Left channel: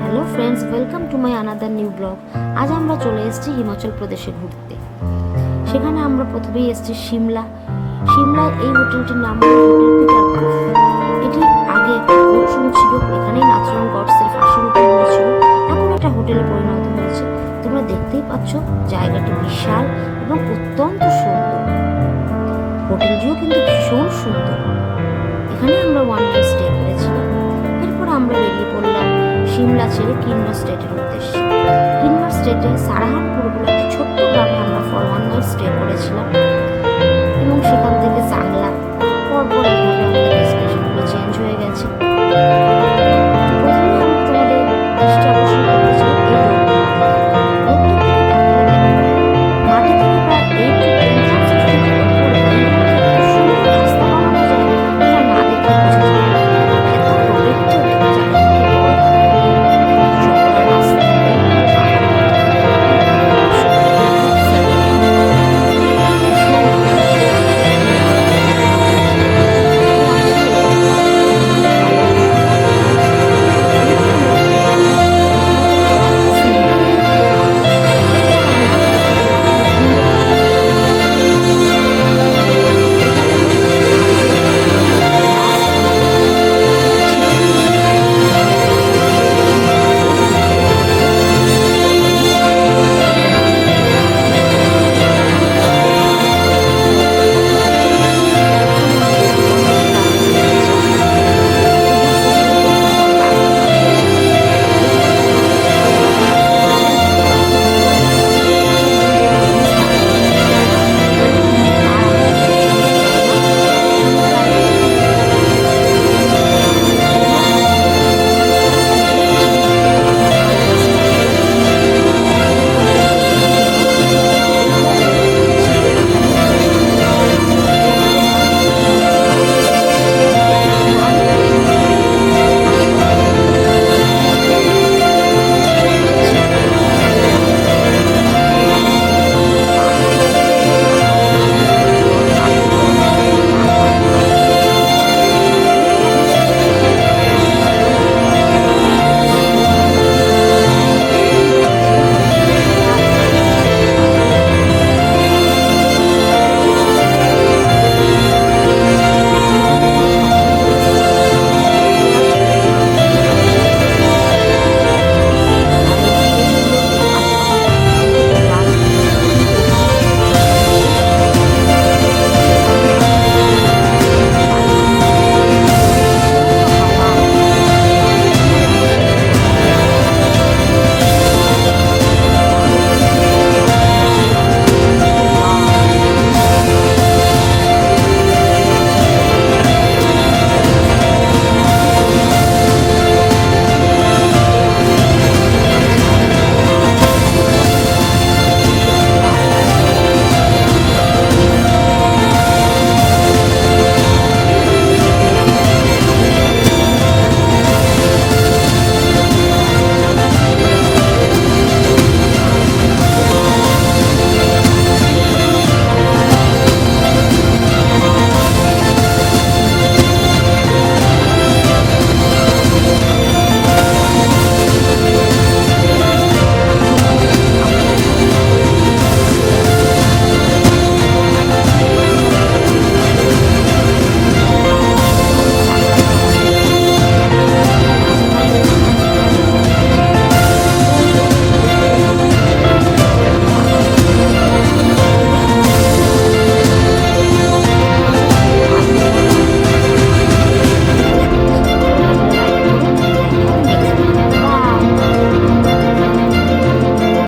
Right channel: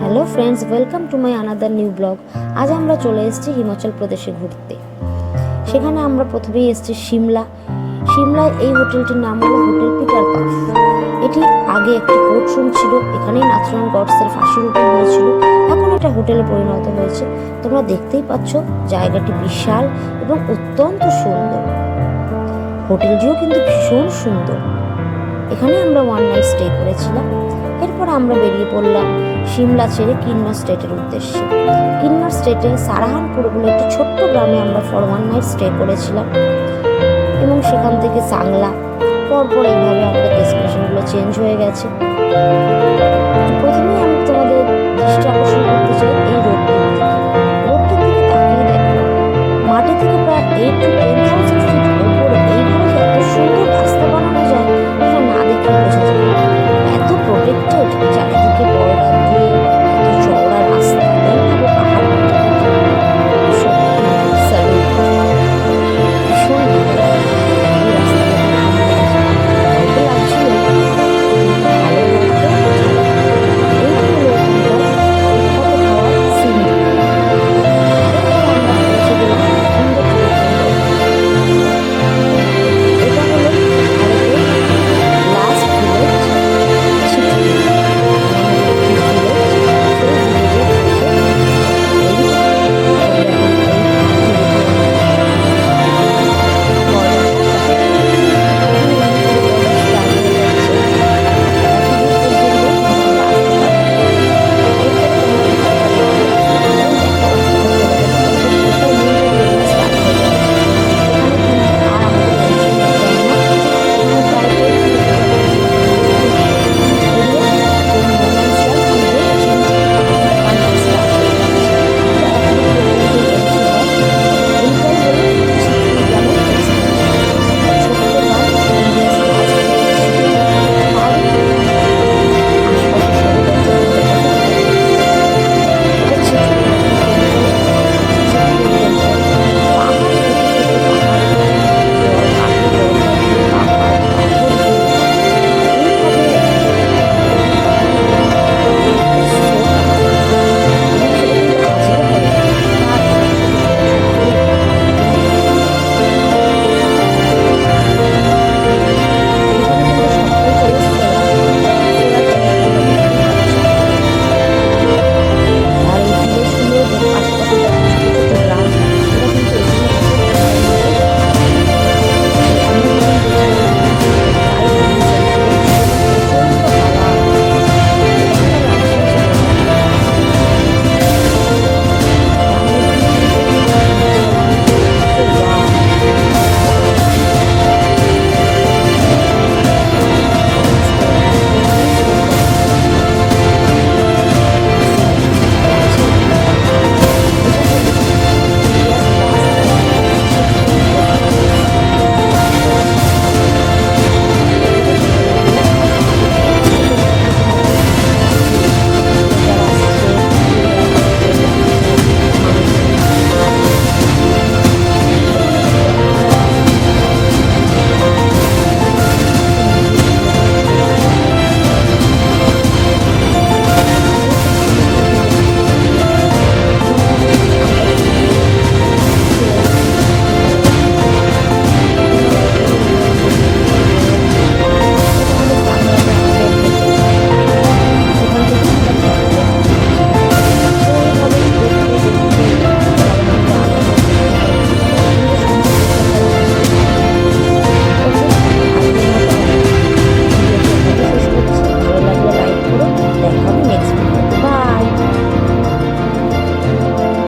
Hello friends, welcome to my another new blog. আজ আমরা চলে এসেছি হিমাচল প্রদেশে ঘুরতে। সেখানে আমরা প্রথমেই এসেছি সিমলায় এই হোটেলটির নাম হলো হোটেল পিটার পাস। এটি আগে একটি কোর্ট রুম ছিল, এখানেই নাথুরাম গডসের ফাঁসি রূপণ হয়েছিল। এখন এটা হোটেলে পরিণত হয়েছে। তোমরা দেখতেই পাচ্ছ জায়গাটি বিশাল এবং অত্যন্ত সুন্দর। হোটেলটিও কিন্তু ভীষণ সুন্দর। এখানে আমরা ওয়ান নাইট স্টে করেছিলাম। এরপর আমরা বেরিয়ে পড়লাম সিমলা ছেড়ে কিন্নর স্টেটের উদ্দেশ্যে। কিন্নর স্টেটে সারাহানপুর বলে একটি ছোট্ট গ্রামে আমরা ফর ওয়ান নাইট স্টে করেছিলাম এবং সেখান থেকে চাংলা, পরপর এইভাবে আমাদের ডেস্টিনেশনগুলো চেঞ্জ হয়ে গেছে। প্রথমে আমি তোমাদের দৃষ্টি আকর্ষণ করতে চাই এই রোডটির দিকে তাকিয়ে দেখো। মাটি থেকে প্রায় 8 to 10,000 ফিট ওপরে এইভাবে যে এত সুন্দর রাস্তা বানানো যায় এটা না দেখে বোঝা যায় না। এত প্রোটেক্টেড, চারিদিকে বর্ডার দিয়ে